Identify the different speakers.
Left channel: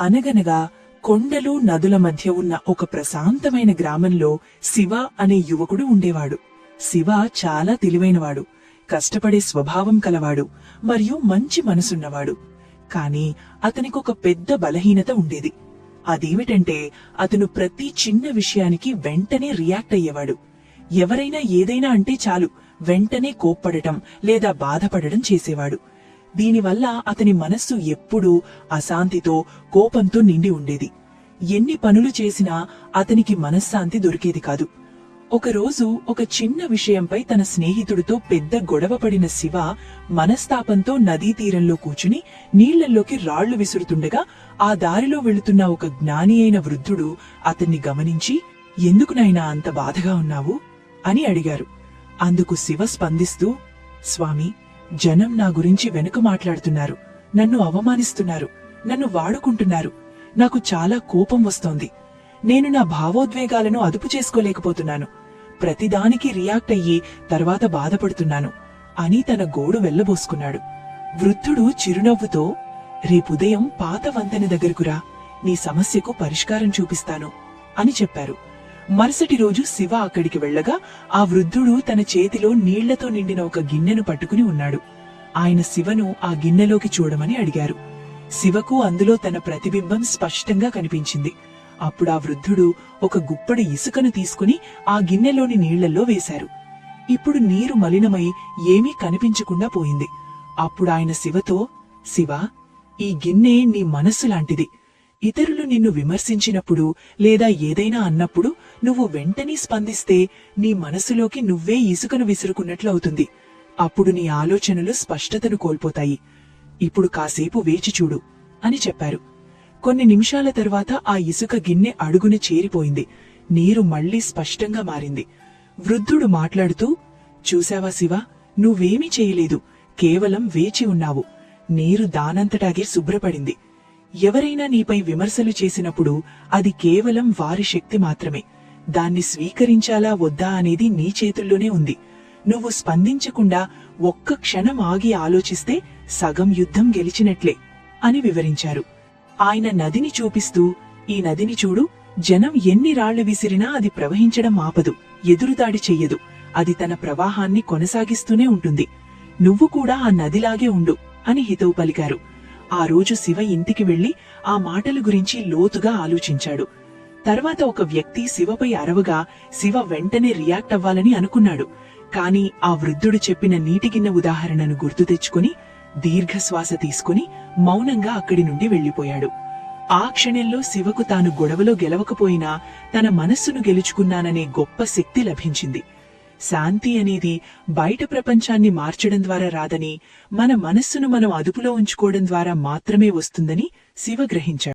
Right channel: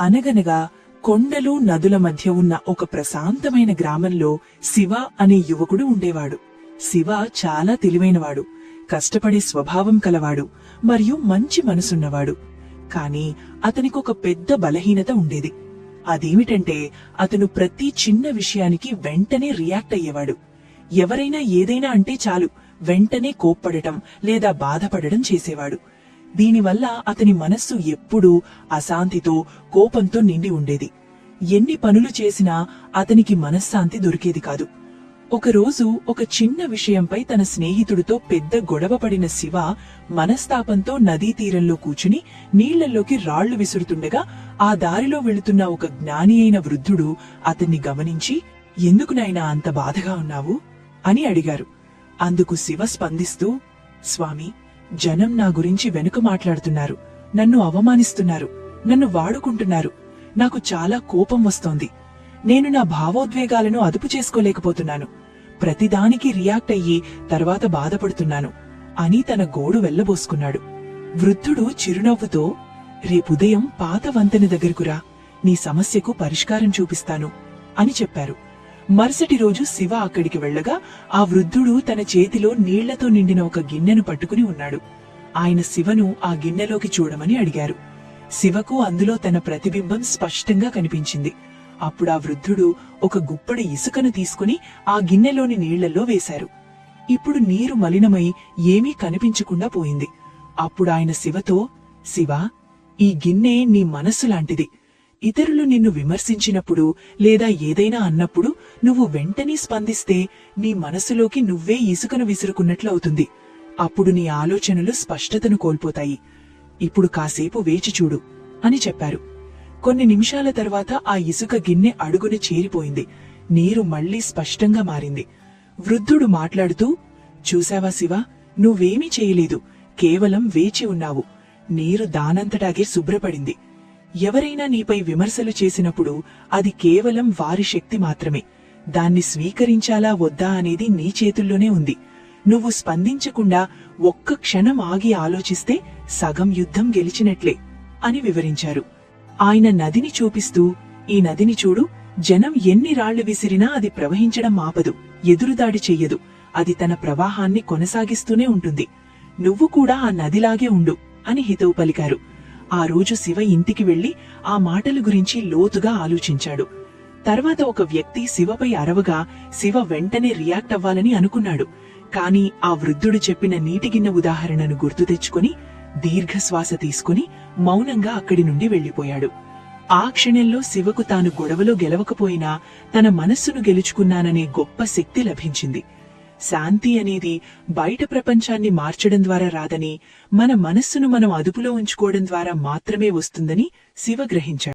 Speaker 1: అనగనగా కొండలు నదుల మధ్య ఉన్న ఒక ప్రశాంతమైన గ్రామంలో శివ అనే యువకుడు ఉండేవాడు. శివ చాలా తెలివైనవాడు కష్టపడే స్వభావం కలవాడు మరియు మంచి మనసున్నవాడు. కాని అతనికి ఒక పెద్ద బలహీనత ఉండేది. అదేమిటంటే అతను ప్రతి చిన్న విషయానికి వెంటనే రియాక్ట్ అయ్యేవాడు. ఎవరైనా ఏదైనా అంటే చాలు వెంటనే కోప్పడటం లేదా బాధపడడం చేసేవాడు. దీనివల్ల అతని మనస్సు ఎప్పుడూ అశాంతితో కోపంతో నిండి ఉండేది. ఎన్ని పనులు చేసినా అతనికి మనశ్శాంతి దొరికేది కాదు. ఒకరోజు ఒక చిన్న విషయంపై తన స్నేహితుడితో పెద్ద గొడవ పడిన శివ మనస్తాపంతో నదీ తీరంలో కూచుని నీళ్ళలోకి రాళ్ళు విసురుతుండగా ఆ దారిలో వెళుతున్న ఒక జ్ఞాని అయిన వృద్ధుడు అతన్ని గమనించి ఎందుకు నాయనా అంత బాధగా ఉన్నావు? అని అడిగారు. అందుకు శివ స్పందిస్తూ స్వామి జనం నా గురించి వెనుక మాట్లాడుతున్నారు. నన్ను అవమానిస్తున్నారు. నన్ను వాడుకుంటున్నారు. నాకు చాలా కోపం వస్తోంది. నేను నా భావోద్వేగాలను అదుపు చేసుకోలేకపోతున్నాను. ప్రతిదానికి రియాక్ట్ అయ్యి తర్వాత బాధపడుతున్నాను. అని తన గోడు వెళ్ళబోసుకున్నాడు వృద్ధుడు చిరునవ్వుతో రేపుదయం పాత వంతెన దగ్గరకురా నీ సమస్యకు పరిష్కారం చూపిస్తాను. అని చెప్పారు. మరుసటి రోజు శివ అక్కడికి వెళ్ళగా ఆ వృద్ధుడు తన చేతిలో నీళ్ళతో నిండిన ఒక గిన్నెను పట్టుకుని ఉన్నాడు. ఆయన శివను ఆ గిన్నెలోకి చూడమని అడిగారు. శివకు అందులో తన ప్రతిబింబం స్పష్టంగా కనిపించింది. అప్పుడు ఆ వృద్ధుడు ఒక గుప్పడి ఇసుకను తీసుకుని ఆ గిన్నెలోని నీళ్ళలో వేశారు. ఇప్పుడు నీరు మలినమై ఏమీ కనిపించకుండా పోయింది. అప్పుడు ఆయన శివతో శివ ఈ గిన్నె నీ మనస్సు లాంటిది. ఇతరులు నిన్ను విమర్శించినప్పుడు లేదా ఏదైనా అన్నప్పుడు నువ్వు వెంటనే స్పందిస్తే నీ మనసులోకి నువ్వే ఇసుకను విసురుకున్నట్లు అవుతుంది. అప్పుడు నీ ఆలోచనలు స్పష్టతను కోల్పోతాయి. ఇప్పుడు కాసేపు వేచి చూడు అని చెప్పారు. కొన్ని నిమిషాల తర్వాత ఆ ఇసుక గిన్నె అడుగున చేరిపోయింది. నీరు మళ్ళీ స్పష్టంగా మారింది. వృద్ధుడు మాట్లాడుతూ చూశావా శివ నువ్వేమీ చేయలేదు. కేవలం వేచి ఉన్నావు. నీరు దానంతటాగే శుభ్రపడింది. ఎవరైనా నీపై విమర్శలు చేసినప్పుడు అది కేవలం వారి శక్తి మాత్రమే. దాన్ని స్వీకరించాలా వద్దా అనేది నీ చేతుల్లోనే ఉంది. నువ్వు స్పందించకుండా ఒక్క క్షణం ఆగి ఆలోచిస్తే సగం యుద్ధం గెలిచినట్లే అని వివరించారు. ఆయన నదిని చూపిస్తూ ఈ నదిని చూడు జనం ఎన్ని రాళ్ళు విసిరినా అది ప్రవహించడం ఆపదు ఎదురుదాడి చెయ్యదు అది తన ప్రవాహాన్ని కొనసాగిస్తూనే ఉంటుంది. నువ్వు కూడా ఆ నదిలాగే ఉండు అని హితవు పలికారు. ఆ రోజు శివ ఇంటికి వెళ్ళి ఆ మాటల గురించి లోతుగా ఆలోచించాడు. తర్వాత ఒక వ్యక్తి శివపై అరవగా శివ వెంటనే రియాక్ట్ అవ్వాలని అనుకున్నాడు. కాని ఆ వృద్ధుడు చెప్పిన నీటిగిన్న ఉదాహరణను గుర్తు తెచ్చుకుని దీర్ఘశ్వాస తీసుకుని మౌనంగా అక్కడి నుండి వెళ్ళిపోయాడు ఆ క్షణంలో శివకు తాను గొడవలో గెలవకపోయినా తన మనస్సును గెలుచుకున్నాననే గొప్ప శక్తి లభించింది. శాంతి అనేది బయట ప్రపంచాన్ని మార్చడం ద్వారా రాదని మన మనస్సును మనం అదుపులో ఉంచుకోవడం ద్వారా మాత్రమే వస్తుందని శివ గ్రహించాడు.